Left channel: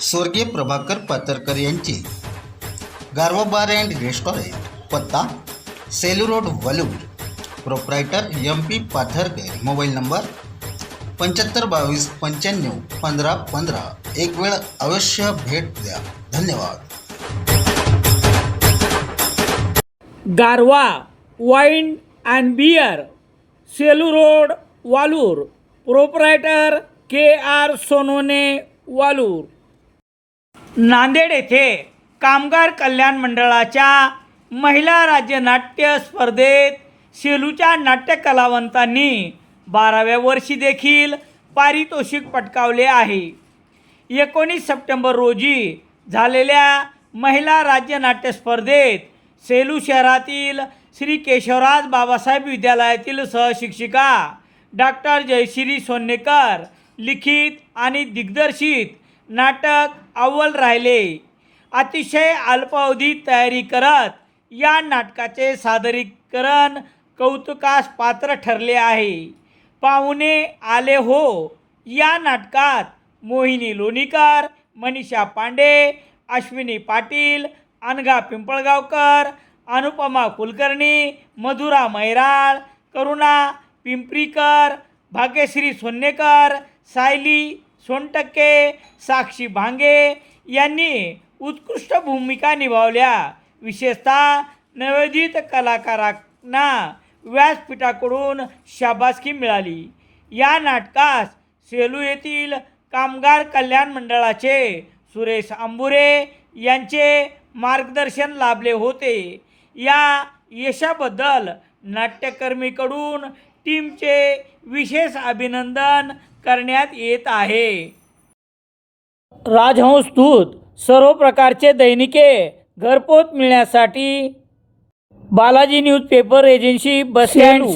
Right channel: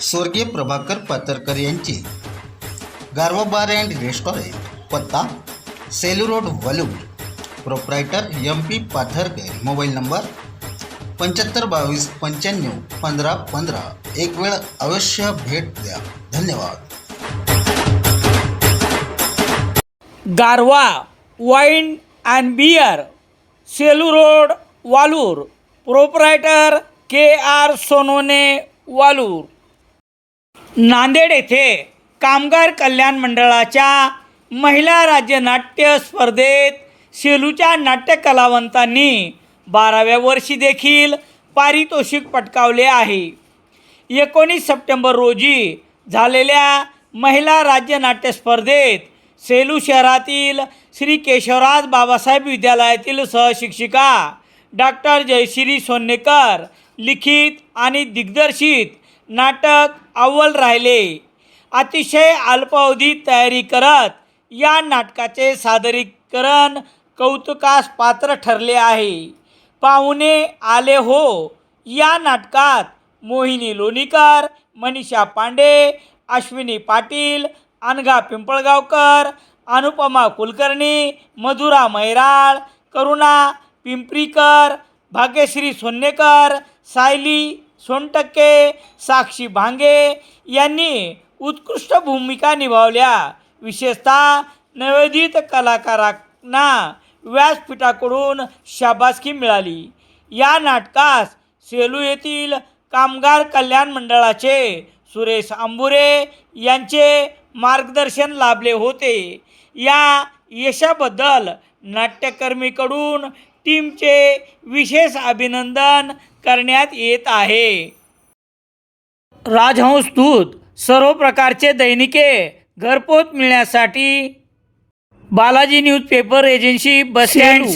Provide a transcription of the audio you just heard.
स्वर्गीय प्रभाकर पातरकर यांची. गारवा बार अँड रेस्टॉरंट पत्ता Selu road Walur. Proprietor M P Patharkar mobile number पंच्याहत्तर बावीस पंच्याण्णव पंधरा पंधरा. एक वेळ अवश्य भेट द्या. धन्यवाद. Garwa wine and beer Selu road Walur. Proprietor K R Sonone Walur. Nanded येथे कामगार कल्याण मंडळाच्या महिला राज्य नाट्य स्पर्धेत सेलूच्या नाट्य कलावंतांनी बाराव्या वर्षी देखील पारितोषिक पटकावले आहे. एकोणीस सप्टेंबर रोजी झालेल्या महिला राज्य नाट्य स्पर्धेत सेलू शहरातील श्री केशवराज बाबासाहेब विद्यालयातील सहशिक्षिका डॉक्टर जयश्री सोन्नेकर लिखित आणि दिग्दर्शित नाटक अव्वल राहिले. अतिशय अल्पावधीत तयारी करत या नाटकाचे सादरीकरण कौतुकास पात्र ठरले आहे. पाहुणे आले हो. या नाटकात मोहिनी लोणीकर मनीषा पांडे अश्विनी पाटील अनघा पिंपळगावकर अनुपमा कुलकर्णी मधुरा मैराळ करुणा पिंपरीकर भाग्यश्री सोन्नेकर सायली सोनटक्के साक्षी भांगे यांनी उत्कृष्ट भूमिका निभावल्या. विशेषतः नवोदित कलाकारांना व्यासपीठाकडून शाबासकी मिळाली. या नाटकास सेलू येथील कामगार कल्याण मंडळाचे सुरेश आंबुरे यांचे मार्गदर्शन लाभले होते. या यशाबद्दल नाट्यकर्मीकडून टीमचे विशेष अभिनंदन करण्यात येत आहे. राजहंस दूत सर्व प्रकारचे दैनिके घरपोच मिळण्यासाठी Balaji news paper agency bus stand